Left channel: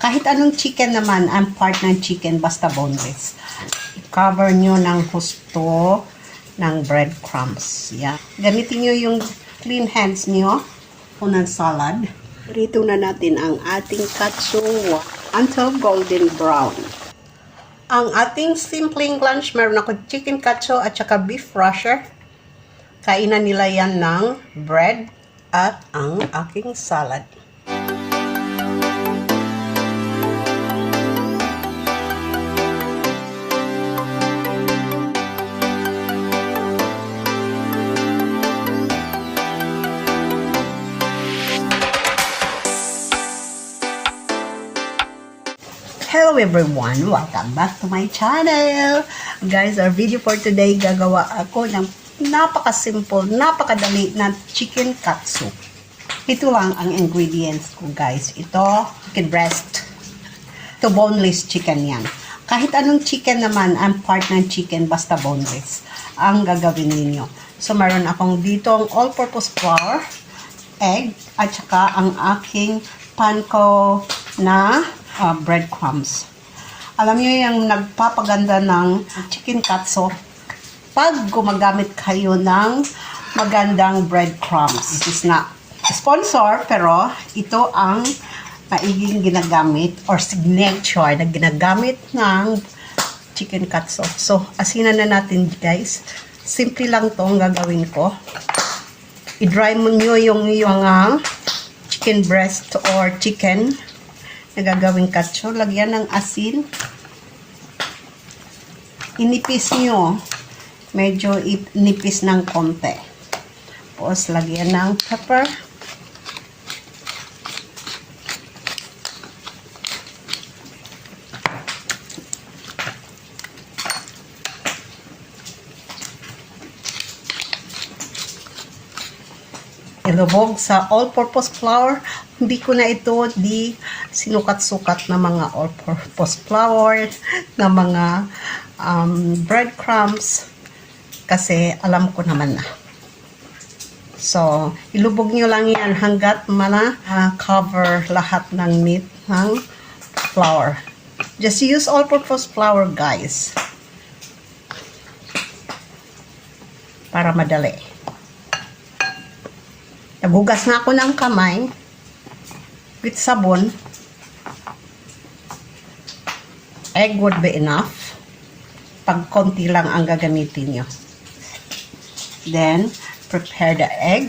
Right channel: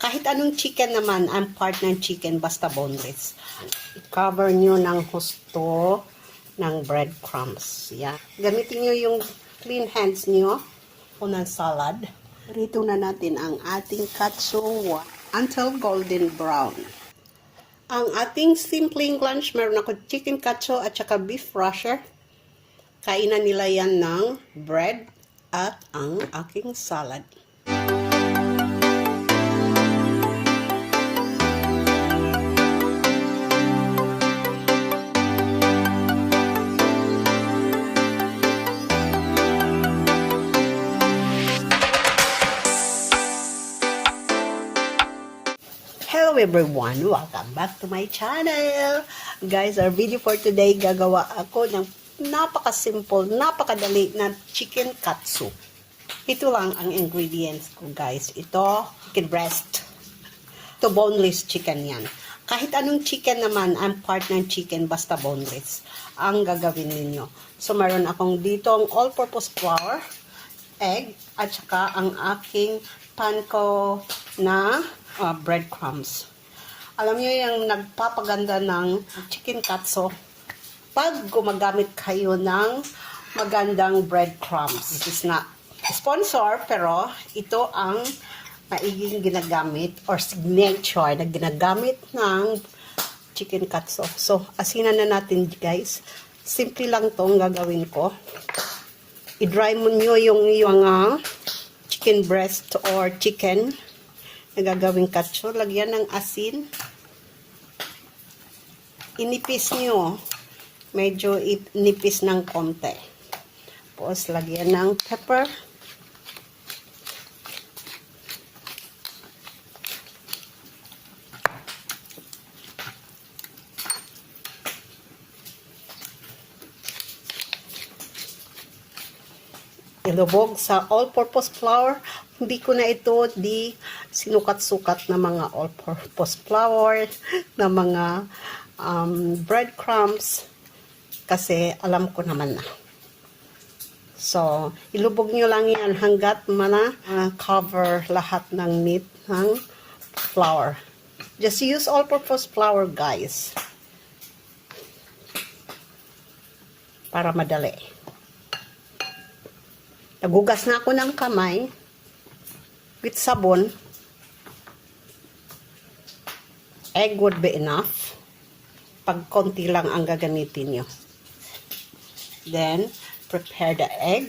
Kahit anong chicken naman, ang part ng chicken, basta boneless. I-cover nyo ng husto ng breadcrumbs. Yeah. Gamitin nyo yung clean hands nyo unang salad. Rito na natin ang ating katsu until golden brown. Ang ating simpleng lunch, meron ako chicken katsu at saka beef rasher. Kainan nila yan ng bread at ang aking salad. Hello everyone! Welcome back to my channel! Guys, our video for today, gagawa ako ng napaka-simple, napakadali na chicken katsu. Ito lang ang ingredients ko, guys. Ito, chicken breast. Ito, boneless chicken yan. Kahit anong chicken naman, ang part ng chicken, basta boneless, ang gagawin ninyo. So, meron akong dito ang all-purpose flour, egg, at saka ang aking panko na breadcrumbs. Alam nyo yung nagpapaganda ng chicken katsu pag gumagamit kayo ng magandang breadcrumbs. This is not sponsor, pero ito ang maiging ginagamit or signature na ginagamit ng chicken katsu. So, asinan na natin, guys. Simple lang tong gagawin ko. I-dry mo nyo yung chicken breast or chicken na gagawing katsu. Lagyan ng asin. Inipis nyo. Medyo inipis ng konti. Tapos, lagyan ng pepper. Ilubog sa all-purpose flour. Hindi ko na ito sinukat-sukat na mga all-purpose flour, na mga breadcrumbs, kasi alam ko naman na. So, ilubog nyo lang yan hanggat cover lahat ng meat ng flour. Just use all-purpose flour, guys, para madali. Nagugas na ako ng kamay with sabon. Egg would be enough. Pag konti lang ang gagamitin nyo. Then, prepare the egg.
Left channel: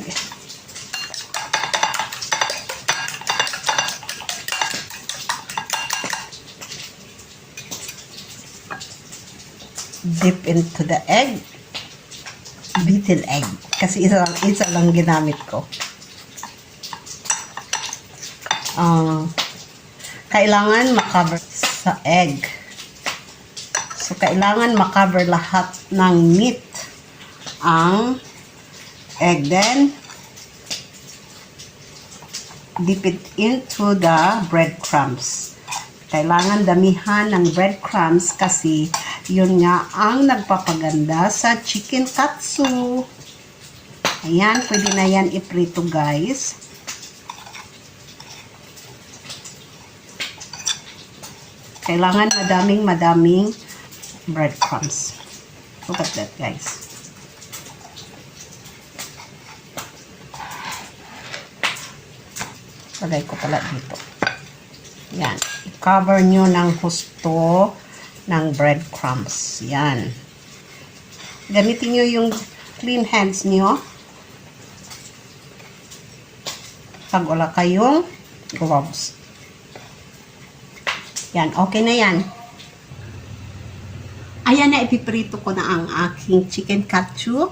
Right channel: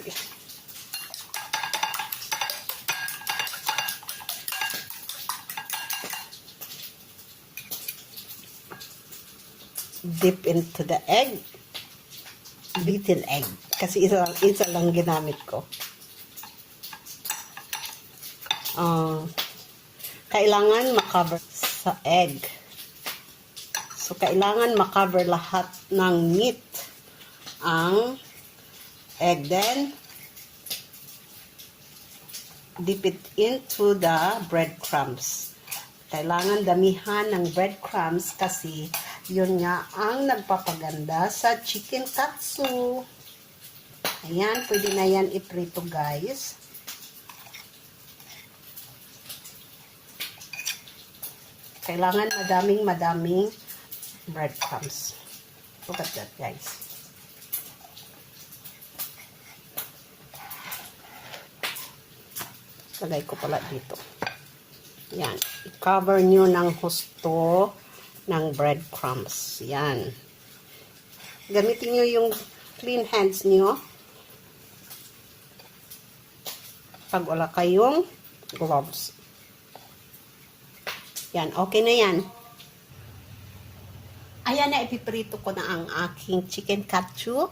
Dip into the egg. Beaten egg. Kasi isa lang ginamit ko. Kailangan makover sa egg. So, kailangan makover lahat ng meat ang egg. Then, dip it into the breadcrumbs. Kailangan damihan ng breadcrumbs kasi yun nga ang nagpapaganda sa chicken katsu. Ayan, pwede na yan iprito, guys. Kailangan madaming breadcrumbs. Look at that, guys. Lagay ko pala dito. Yan. I-cover nyo ng husto ng breadcrumbs. Yan. Gamitin nyo yung clean hands nyo pag wala kayong gloves. Yan, okay na yan. Ayan na, ipiprito ko na ang aking chicken katsu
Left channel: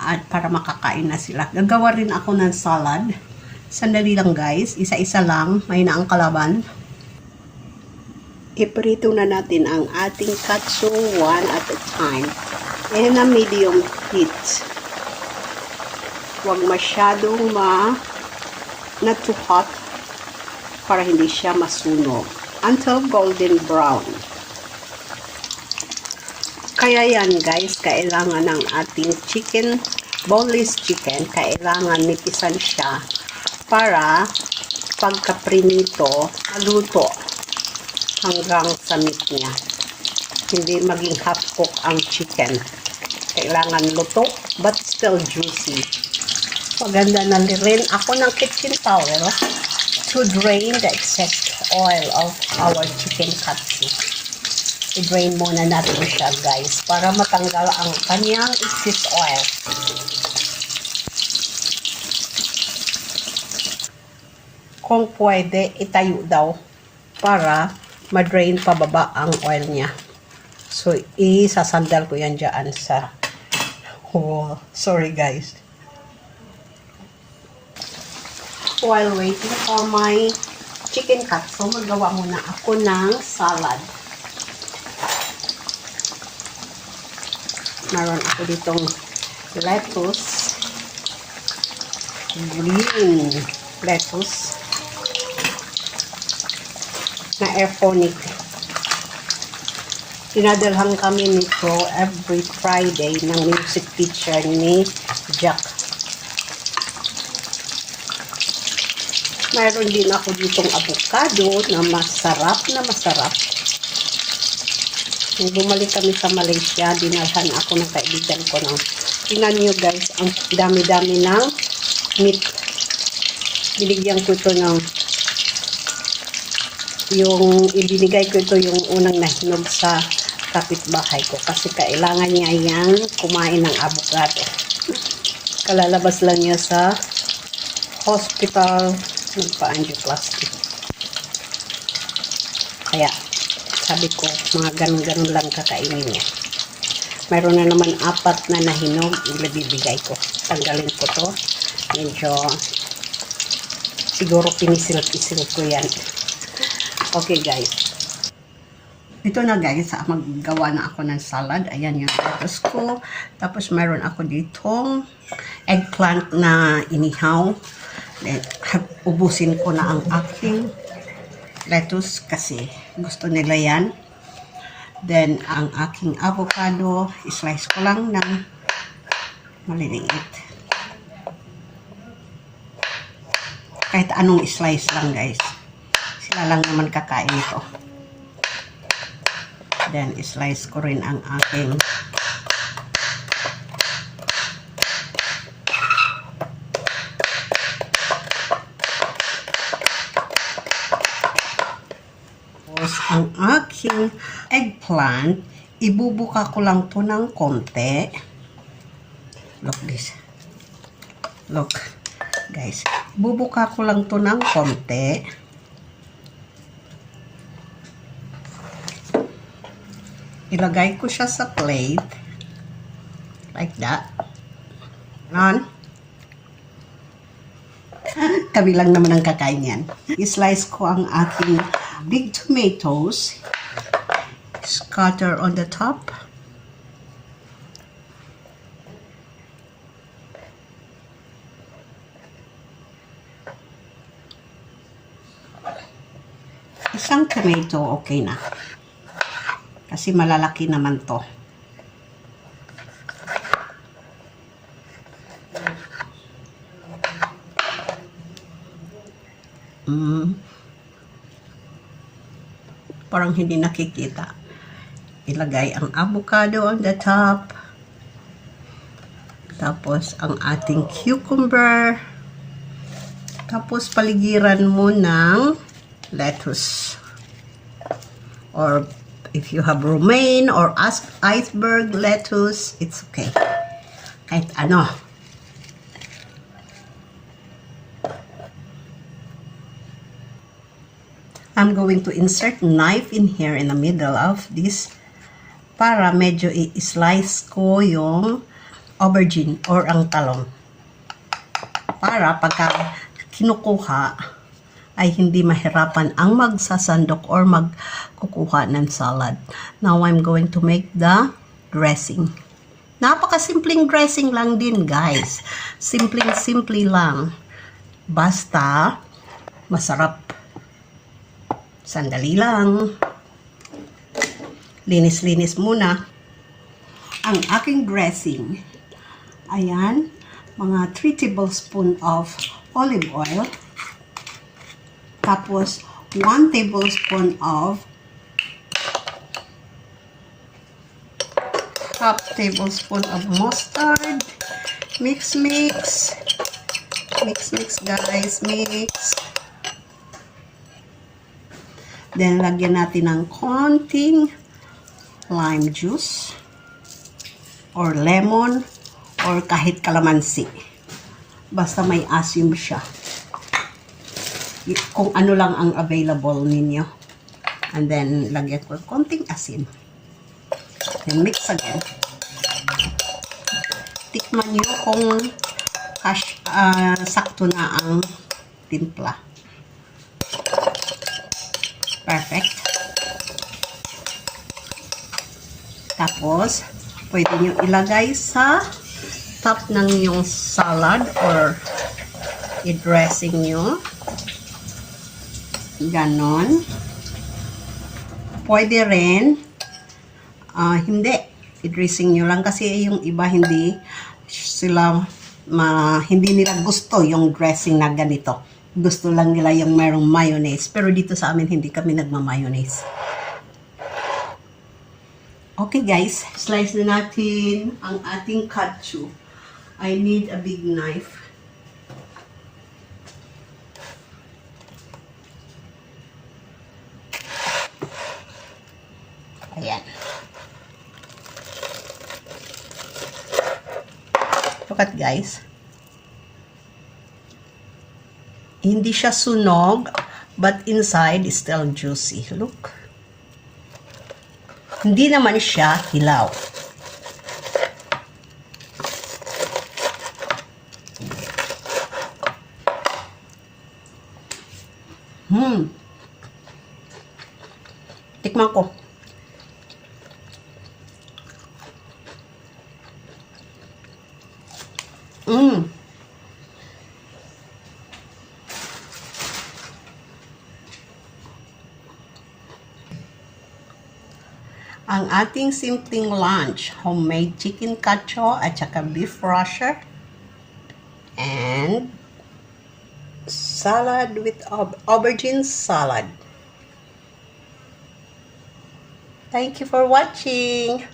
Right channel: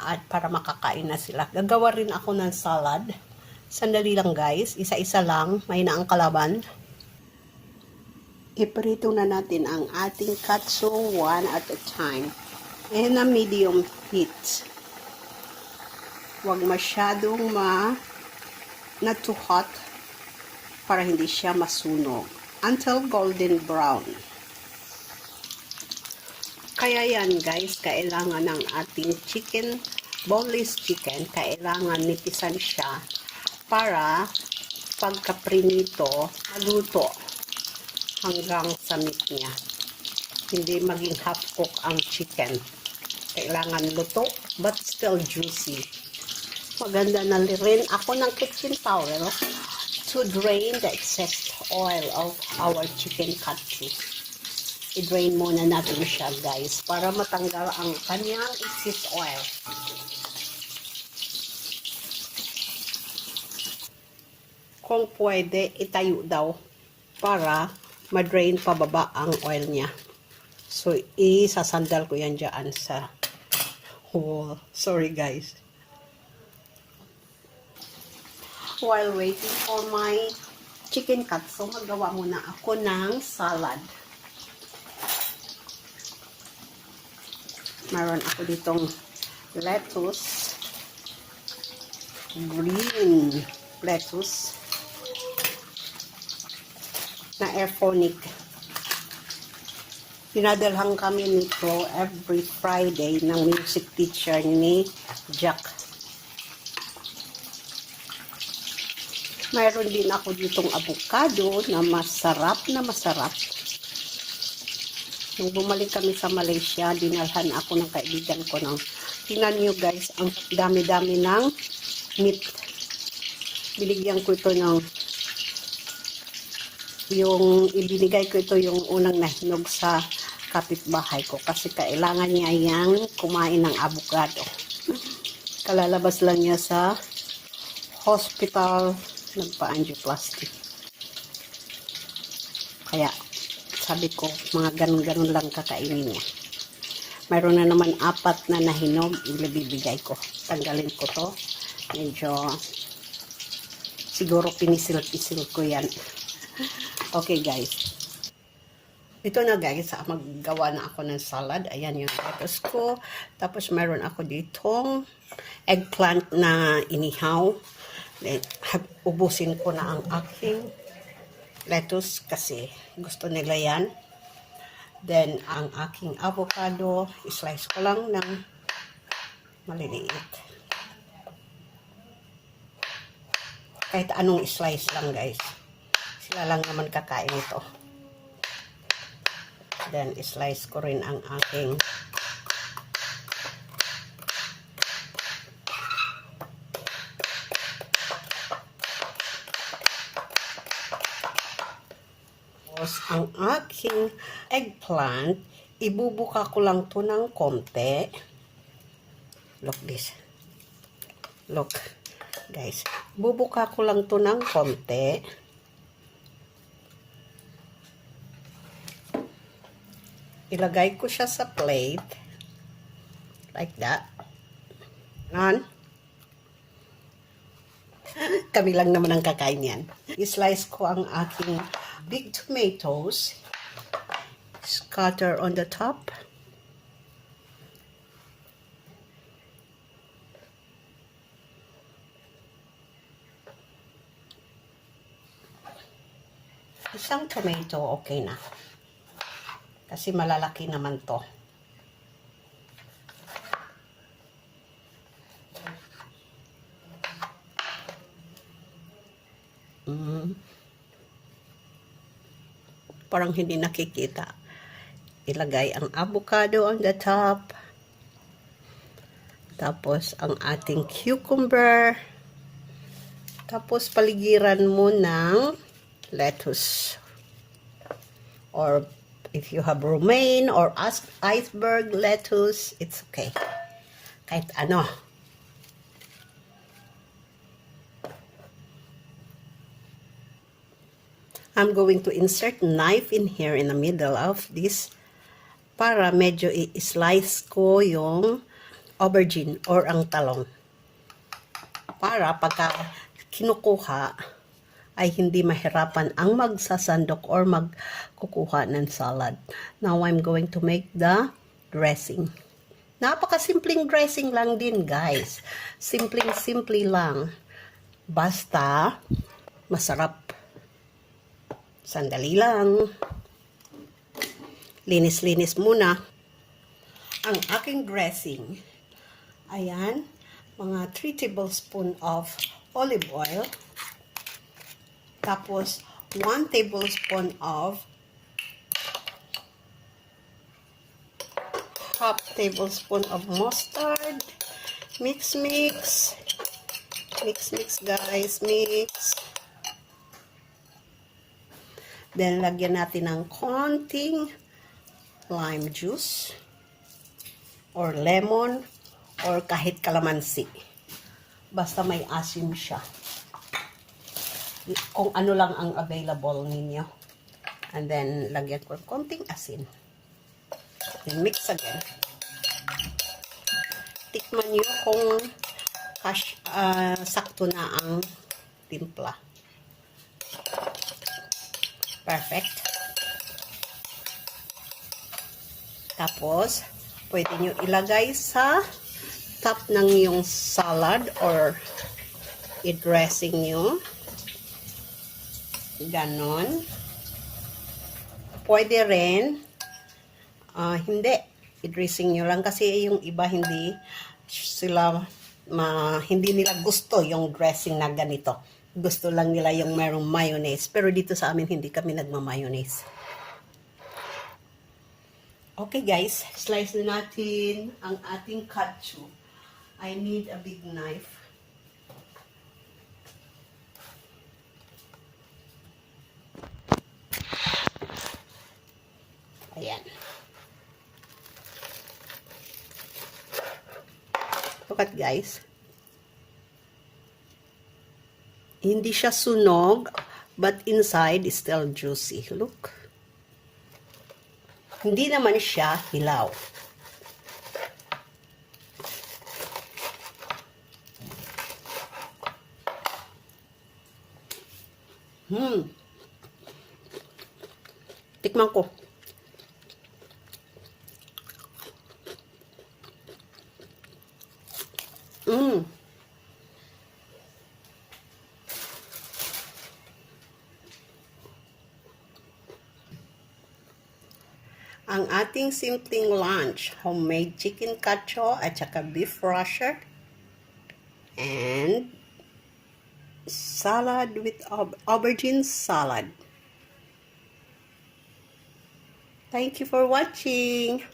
at para makakain na sila. Gagawa rin ako ng salad. Sandali lang, guys. Isa-isa lang. May na ang kalaban. Iprito na natin ang ating katsu one at a time. In a medium heat. Huwag masyadong not too hot para hindi siya masunog. Until golden brown. Kaya yan, guys, kailangan ng ating chicken, boneless chicken, kailangan nipisan siya para pagka-prinito, maluto hanggang sa meat niya. Hindi maging half cook ang chicken. Kailangan luto but still juicy. Maganda na rin ako ng kitchen towel to drain the excess oil of our chicken katsu. I-drain muna natin siya, guys, para matanggal ang kanyang excess oil. Kung pwede, itayo daw para ma-drain pababa ang oil niya. So, isasandal ko yan dyan sa wall. Sorry, guys. While waiting for my chicken katsu, magawa muna ako ng salad. Meron ako ditong lettuce, green lettuce, na aeroponic. Dinadalhan kami nito every Friday ng music teacher ni Jack. Mayroon din ako ditong avocado na masarap na masarap. Nung bumalik kami sa Malaysia, dinalhan ako ng kaibigan ko ng, tingnan nyo guys, ang dami-dami ng meat. Binigyan ko ito ng, ibinigay ko ito yung unang nahinog sa kapitbahay ko kasi kailangan niya yang kumain ng avocado. Kalalabas lang niya sa hospital, nagpa-angioplasty. Kaya, sabi ko, mga ganun-ganun lang kakainin niya. Mayroon na naman 4 na nahinog, ibibigay ko. Tanggalin ko to. Medyo, siguro pinisil-pisil ko yan. Okay, guys. Ito na, guys. Maggawa na ako ng salad. Ayan yung lettuce ko. Tapos, mayroon ako ditong eggplant na inihaw. Then, ubusin ko na ang aking lettuce kasi gusto nila yan. Then, ang aking avocado, slice ko lang ng maliliit. Kahit anong slice lang, guys. Sila lang naman kakain ito. Then, slice ko rin ang aking eggplant, ibubuka ko lang to ng konti. Look this. Look, guys. Ibubuka ko lang to ng konti. Ilagay ko siya sa plate. Like that. On. Kami lang naman ang kakain yan. I-slice ko ang aking big tomatoes. Scatter on the top. Isang tomato, okay na. Kasi malalaki naman to. Parang hindi nakikita. Ilagay ang avocado on the top. Tapos ang ating cucumber. Tapos paligiran mo ng lettuce. Or if you have romaine or iceberg lettuce, it's okay. Kahit ano. I'm going to insert knife in here in the middle of this para medyo i-slice ko yung aubergine or ang talong. Para pagka kinukuha ay hindi mahirapan ang magsasandok or magkukuha ng salad. Now I'm going to make the dressing. Napakasimpleng dressing lang din, guys. Simpleng-simple lang. Basta masarap. Sandali lang. Linis-linis muna. Ang aking dressing. Ayan. Mga 3 tablespoon of olive oil. Tapos, 1 tablespoon of half tablespoon of mustard. Mix, mix. Mix, mix, guys. Mix. Then, lagyan natin ng konting lime juice or lemon or kahit kalamansi. Basta may asim siya. Kung ano lang ang available ninyo. And then, lagyan ko konting asin. Then, mix again. Tikman nyo kung sakto na ang timpla. Perfect. Tapos, pwede nyo ilagay sa top ng yung salad or i-dressing nyo. Ganon. Pwede rin, hindi, i-dressing nyo lang kasi yung iba hindi nila gusto yung dressing na ganito. Gusto lang nila yung mayroong mayonnaise. Pero dito sa amin, hindi kami nagma-mayonnaise. Okay guys, slice na natin ang ating katsu. I need a big knife. Ayan. Look at guys. Hindi siya sunog, but inside is still juicy. Look. Hindi naman siya hilaw. Tikman ko. Ang ating simpleng lunch, homemade chicken katsu at saka beef rasher and salad with aubergine salad. Thank you for watching.